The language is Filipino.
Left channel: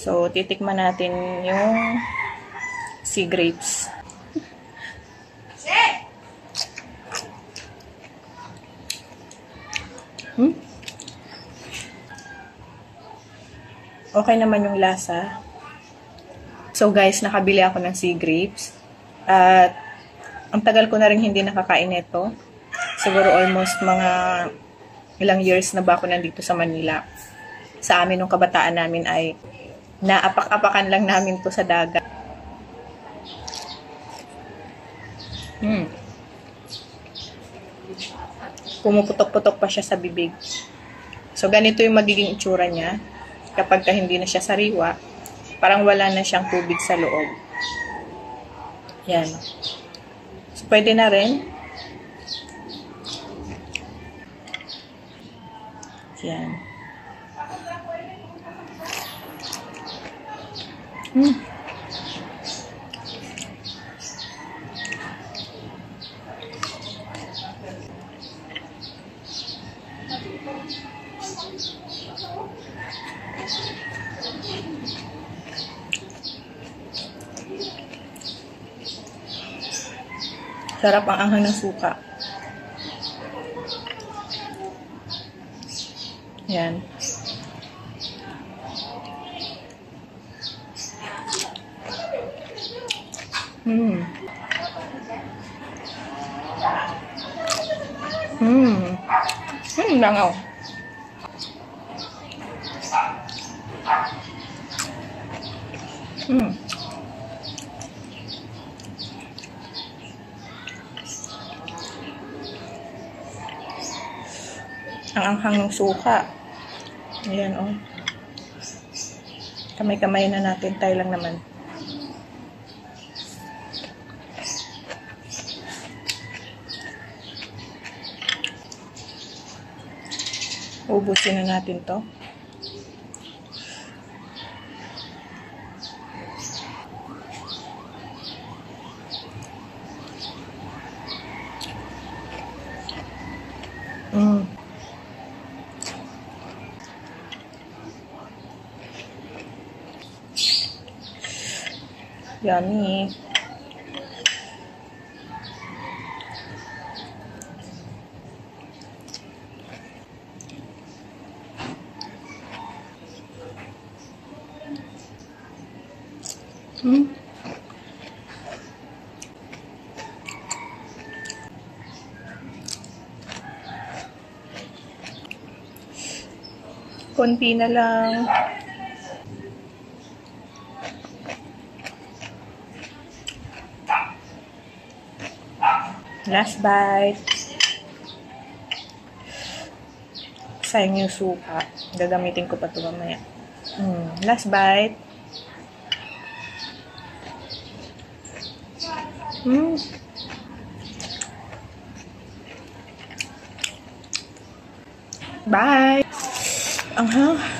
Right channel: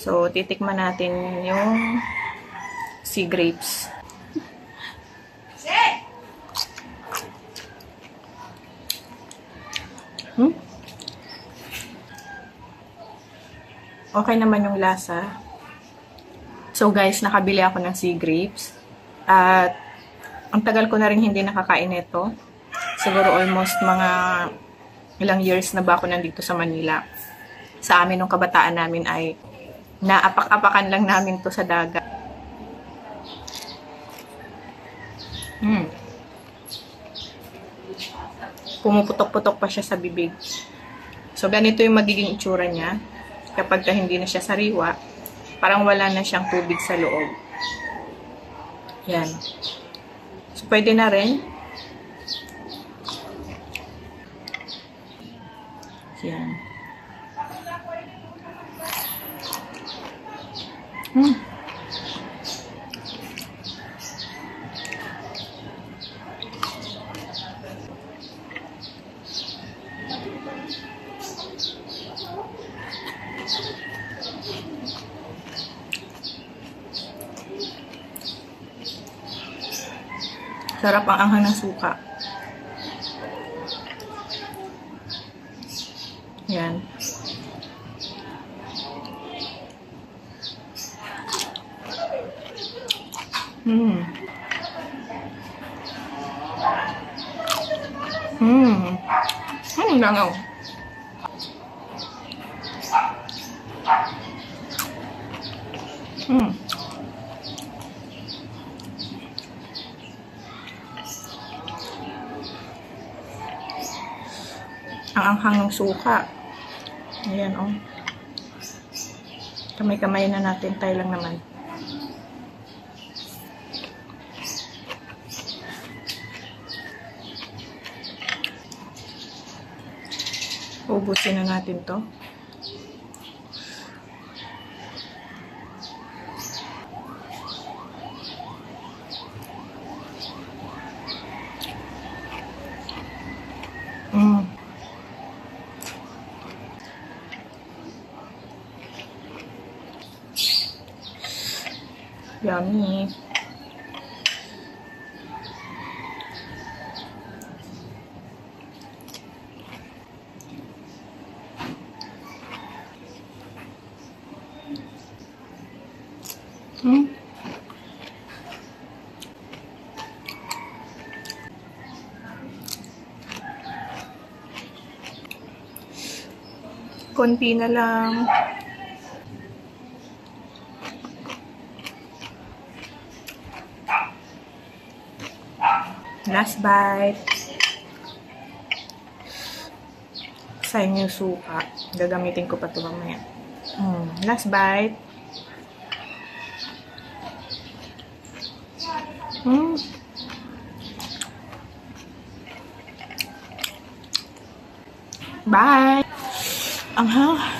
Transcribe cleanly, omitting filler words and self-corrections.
So, titikman natin yung sea grapes. Okay naman yung lasa. So guys, nakabili ako ng sea grapes. At ang tagal ko na rin hindi nakakain ito. Siguro almost mga ilang years na ba ako nandito sa Manila. Sa amin nung kabataan namin ay naapak-apakan lang namin to sa dagat. Pumuputok-putok pa siya sa bibig. So ganito yung magiging itsura niya. Kapag hindi na siya sariwa, parang wala na siyang tubig sa loob. Yan. So, pwede na rin. Yan. Sarap ang anghang ng suka. Yan. Langaw. Ang anghang ng suka. Ayan, oh. Kamay-kamay na natin. Tayo lang naman. Ubusin na natin to. Yummy. Konti na lang. Last bite. Sayang yung suka. Gagamitin ko pa ito mamaya. Last bite. Bye! Anghang.